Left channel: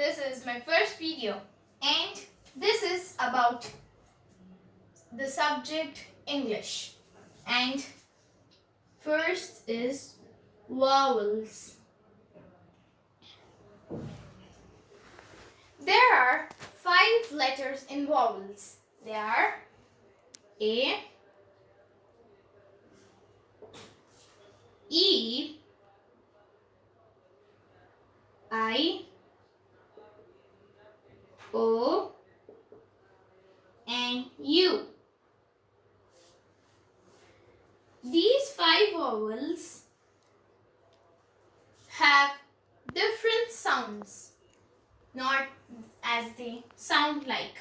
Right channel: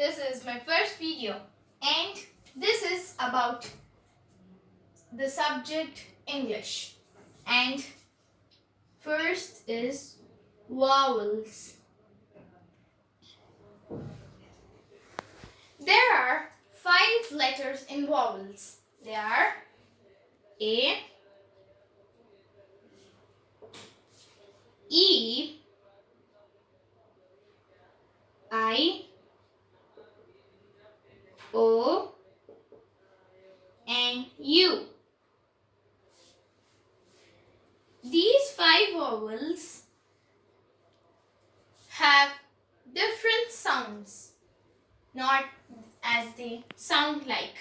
This is my first video and this is about the subject English. And first is vowels. There are 5 letters in vowels. They are A, E, I, O, and U. These 5 vowels have different sounds, not as they sound like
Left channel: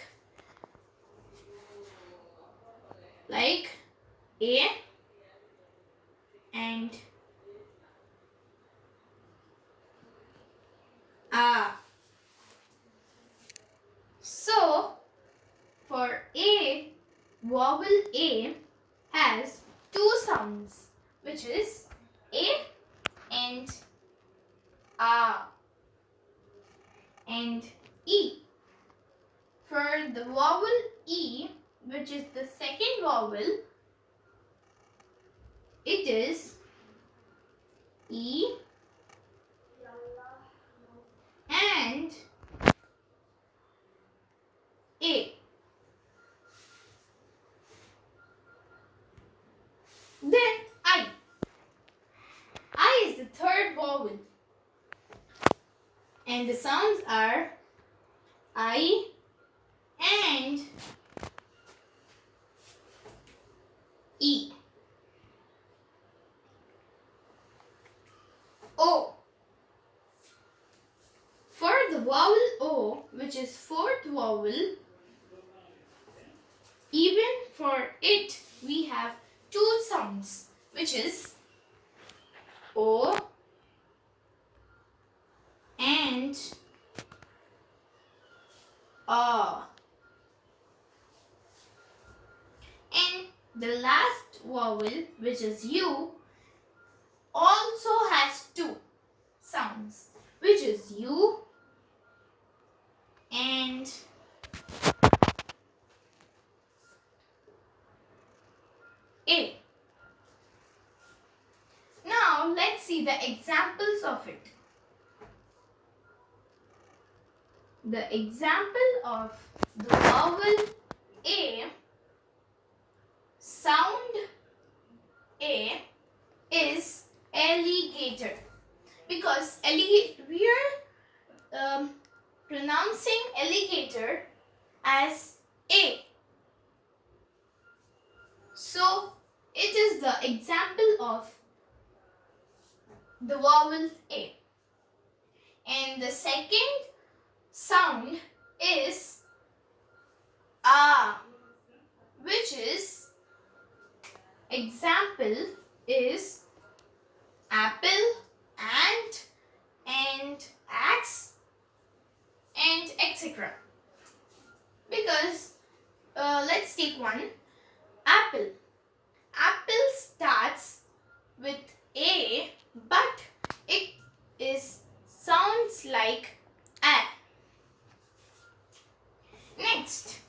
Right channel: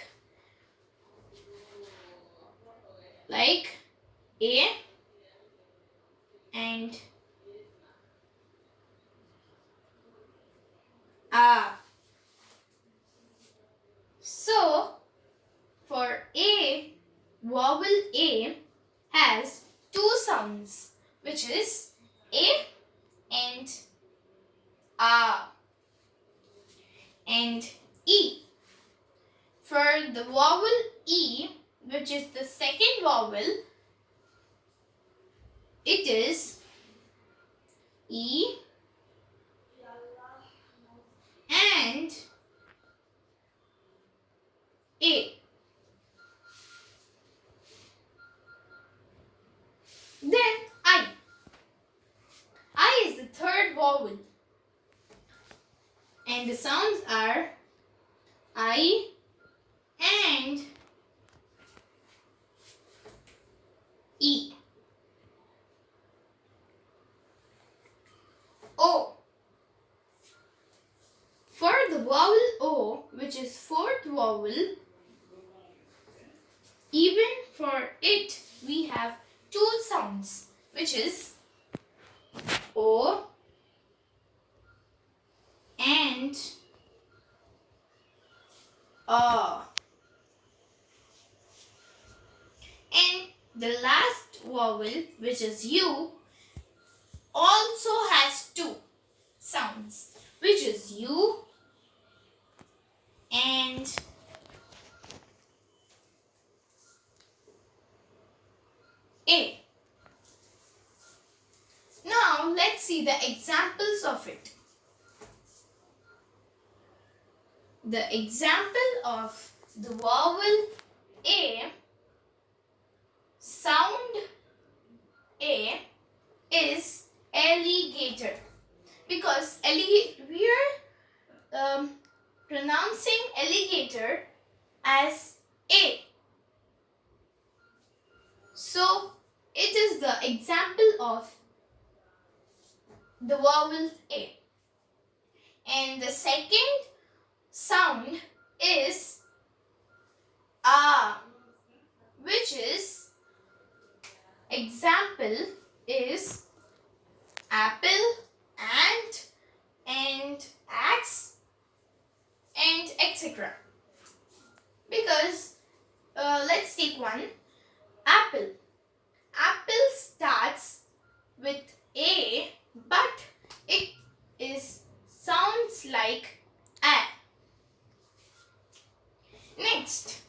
A and A. So, for A, vowel A has 2 sounds, which is A and A. And E. For the vowel E, which is the second vowel, it is E and A. Then I. I is the third vowel. And the sounds are I and E. O. For the vowel O, which is fourth vowel, even for it we have 2 sounds, which is O and A. And the last vowel, which is U, also has 2 sounds, which is U and A. Now let's see the examples of it. The example of the vowel A, sound A, is alligator, because we are pronouncing alligator as A. So it is the example of the vowel A. And the second sound is A, which is example is apple, ant, and axe, and etc. Because let's take one. Apple. Apple starts with A, but it sounds like A. Next,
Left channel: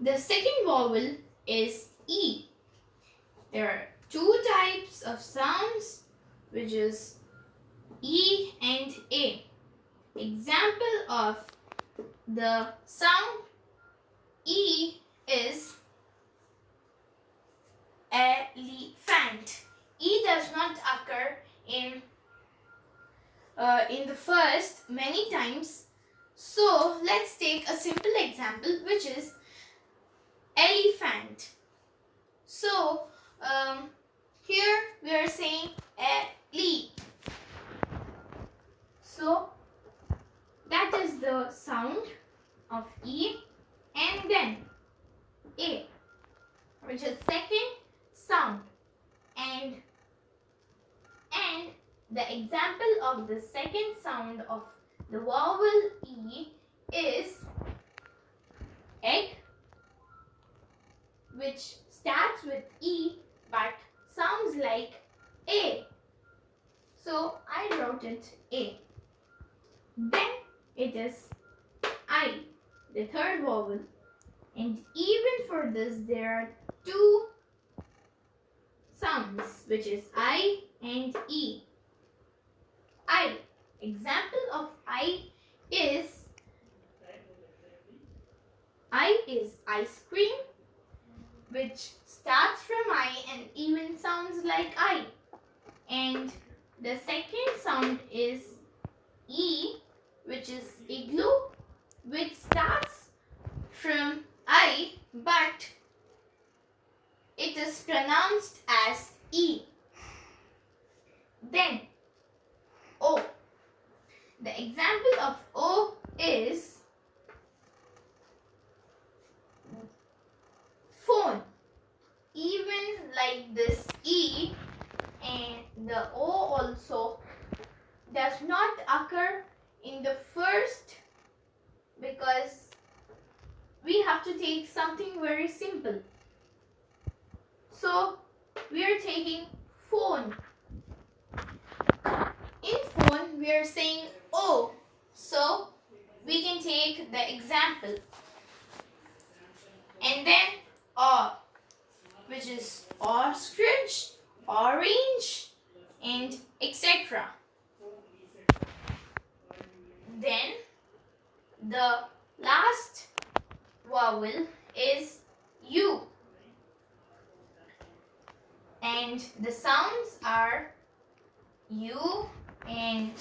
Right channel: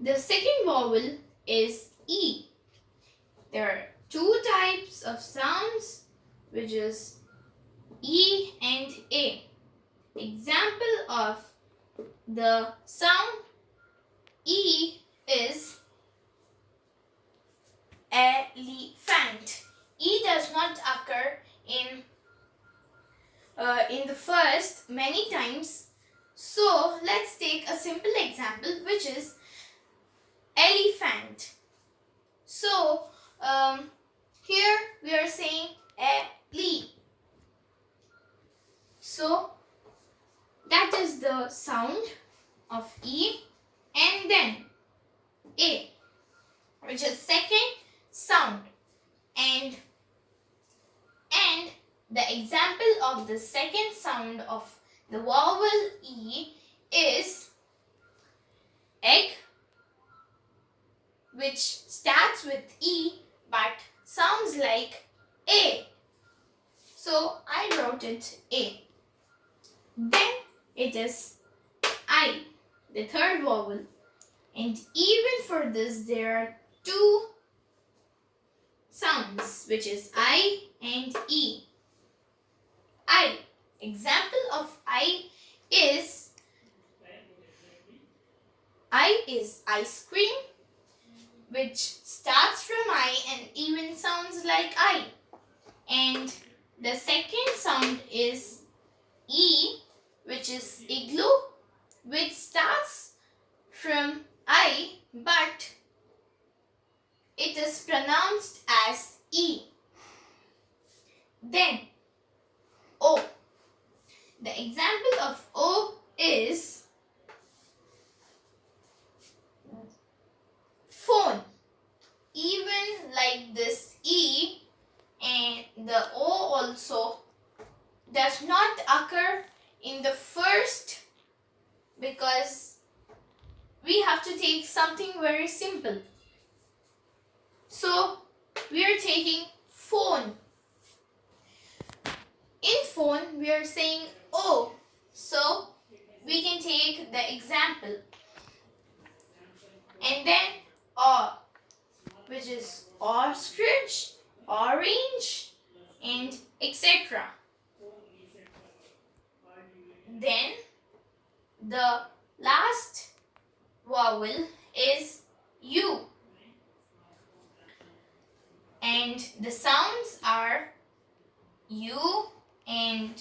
the second vowel is E. There are 2 types of sounds, which is E and A. Example of the sound E is elephant. E does not occur in the first many times. So let's take a simple example, which is elephant. So here we are saying ele. So that is the sound of E, and then A, which is second sound, and the example of the second sound of the vowel E is egg, which starts with E but sounds like A. So I wrote it A. Then it is I, the third vowel. And even for this, there are two sounds, which is I and E. I. Example of I is ice cream, which starts from I and even sounds like I. And the second sound is E, which is igloo, which starts from I but it is pronounced as E. Then O. The example of O is phone. Even like this E and the O also does not occur in the first, because we have to take something very simple. So we are taking phone. In phone we are saying O. So we can take the example. And then O, which is ostrich, orange, and etc. Then the last vowel is U. And the sounds are U and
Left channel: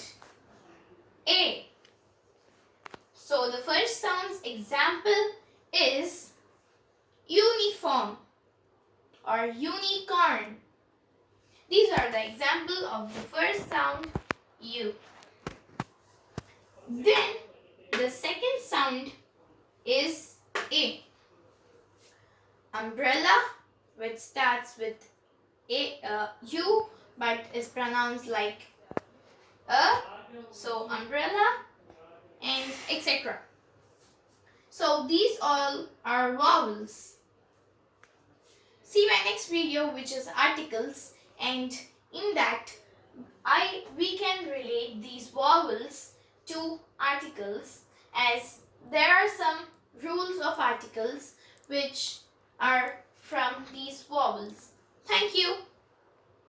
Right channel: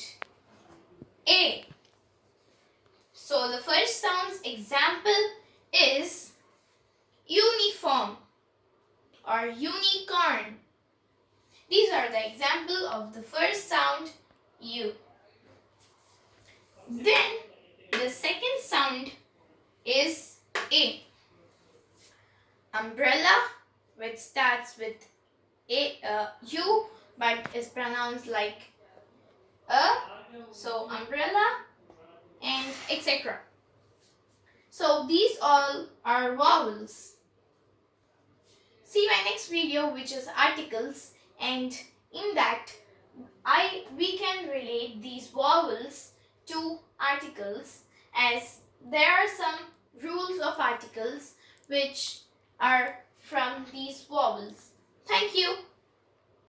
A. So the first sound's example is uniform or unicorn. These are the example of the first sound U. Then the second sound is A. Umbrella, which starts with U but is pronounced like a, so umbrella, and etc. So these all are vowels. See my next video, which is articles, and in that we can relate these vowels to articles, as there are some rules of articles which are from these vowels. Thank you.